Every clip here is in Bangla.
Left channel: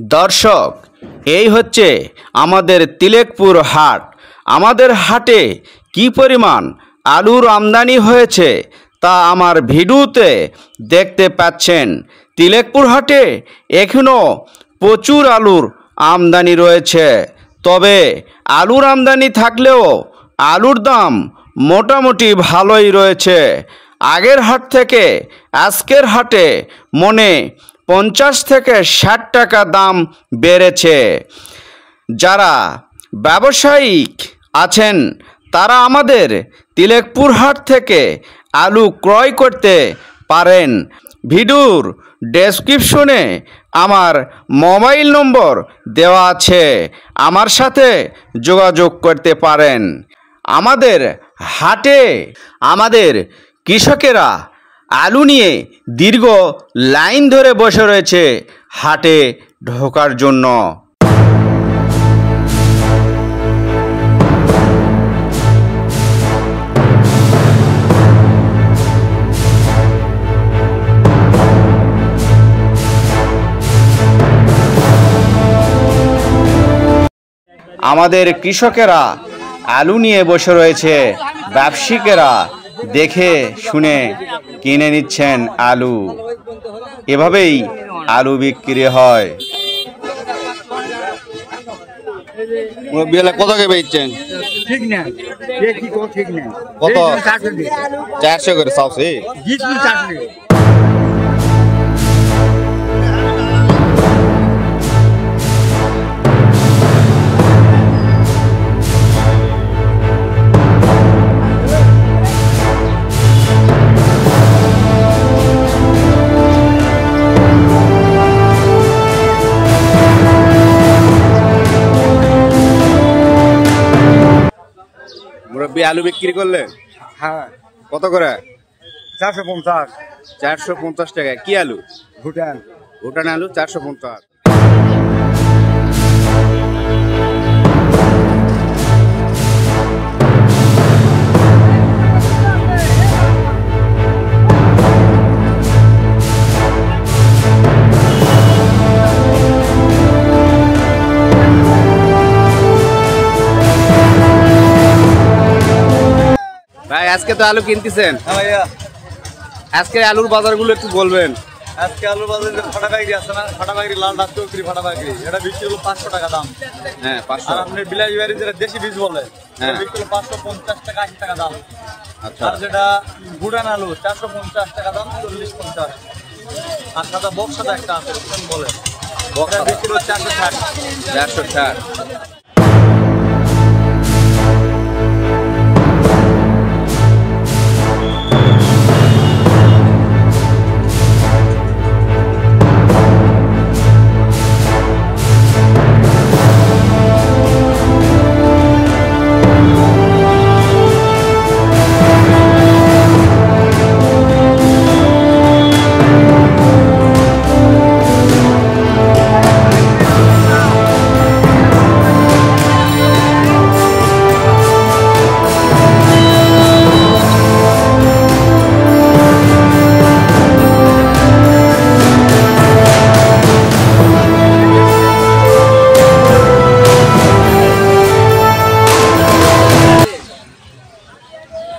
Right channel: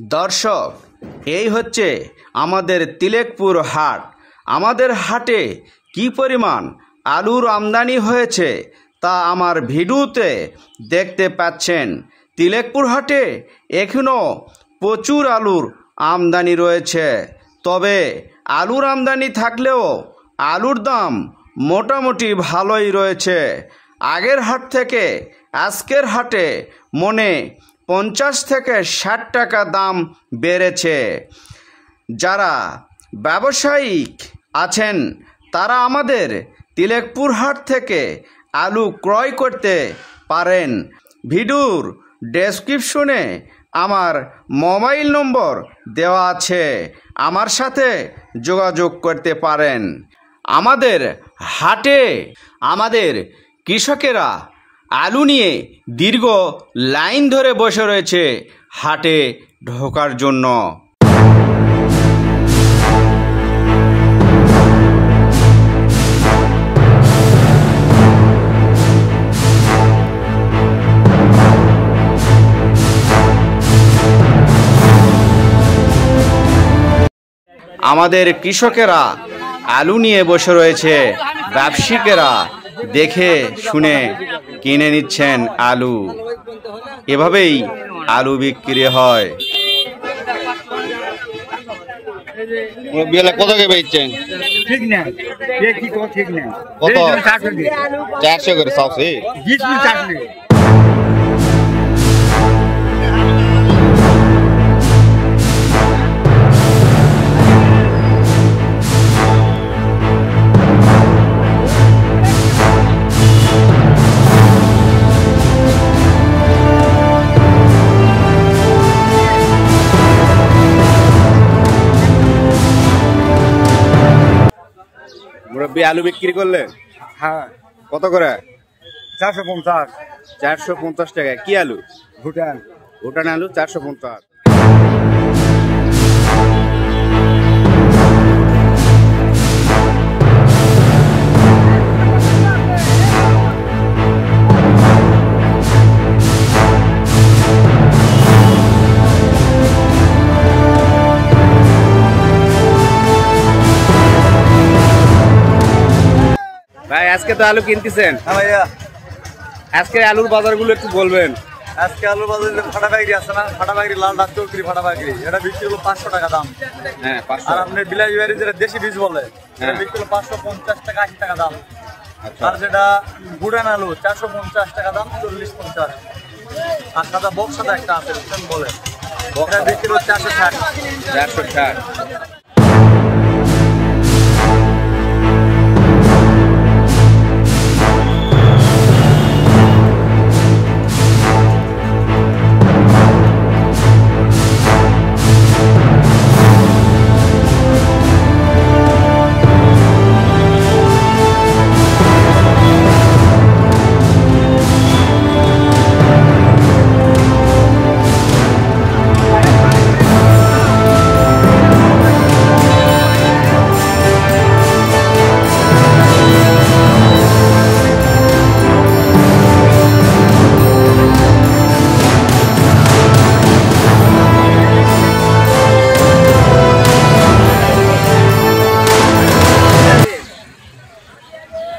দর্শক, এই হচ্ছে আমাদের তিলেকপুর হাট। আমাদের হাটে কি পরিমাণ আলুর আমদানি হয়েছে তা আমার ভিডিওতে দেখতে পাচ্ছেন। তিলেকপুর হাটে এখনও প্রচুর আলুর আমদানি রয়েছে। তবে আলুর আমদানি থাকলেও আলুর দাম মোটামুটি ভালোই রয়েছে। আগের হাট থেকে আজকের হাটে মনে 50 থেকে 60 টাকা দাম বেড়েছে। যারা ব্যবসায়িক আছেন তারা আমাদের তিলেকপুর হাট থেকে আলু ক্রয় করতে পারেন। ভিডিওর ডেসক্রিপশনে আমার মোবাইল নম্বর দেওয়া আছে, আমার সাথে যোগাযোগ করতে পারেন। আমাদের হাটে আমাদের কৃষকেরা আলু নিয়ে দীর্ঘ লাইন ধরে বসে রয়েছে হাটে ঢোকার জন্য। আমাদের কৃষকেরা আলু নিয়ে বসে রয়েছে, ব্যবসায়ীরা দেখে শুনে কিনে নিচ্ছেন আলু। এভাবেই আলু বিক্রি হয়। কত কে বেচছেন? ঠিক না, ঠিক না, কত? 400 করে সবসে। মুরব্বী আলু বিক্রি করলেন? হ্যাঁ। কত করে? 450। 450 টাকা। কি আলু? ভুটান। ভুটান আলু 450। ভাই আজকে তো আলু কিনতেছেন? হ্যাঁ ভাইয়া। আজকে আলুর বাজারগুলো একটু বলবেন। আজকে আলুর বাজারে ফাটা বাগরি আছে না, ফাটা বাগরি লাল ডাক চৌকরি ফাটা বাগরি, এটা বিক্রি হলো 500 টাকা দাম। হ্যাঁ 500। আর আপনি বিলাস বাড়ি যেটা দেশি বীজ বলে হ্যাঁ, বিক্রি হলো 550 টাকা 80 টাকা দাম। আচ্ছা। আর যেটা ভুটান আলু 450 টাকা দাম, 40-50। আর সাদা বক্স সাদা একটা আছে বলে, এটা বিক্রি হলো 460। 460।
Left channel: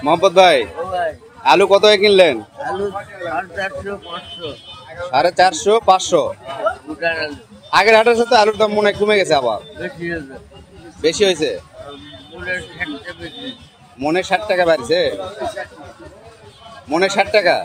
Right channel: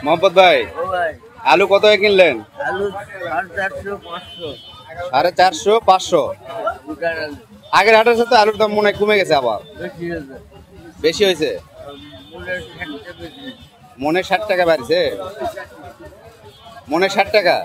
মোহাম্মদ ভাই, আলু কত কিনলেন? আলু 450-500। 450, 500। আগের হাটের সাথে আলুর দাম মনে হয় কমে গেছে, আবার বেশি হয়েছে। মনে 60 টাকা বাড়ছে। মনে 60 টাকা।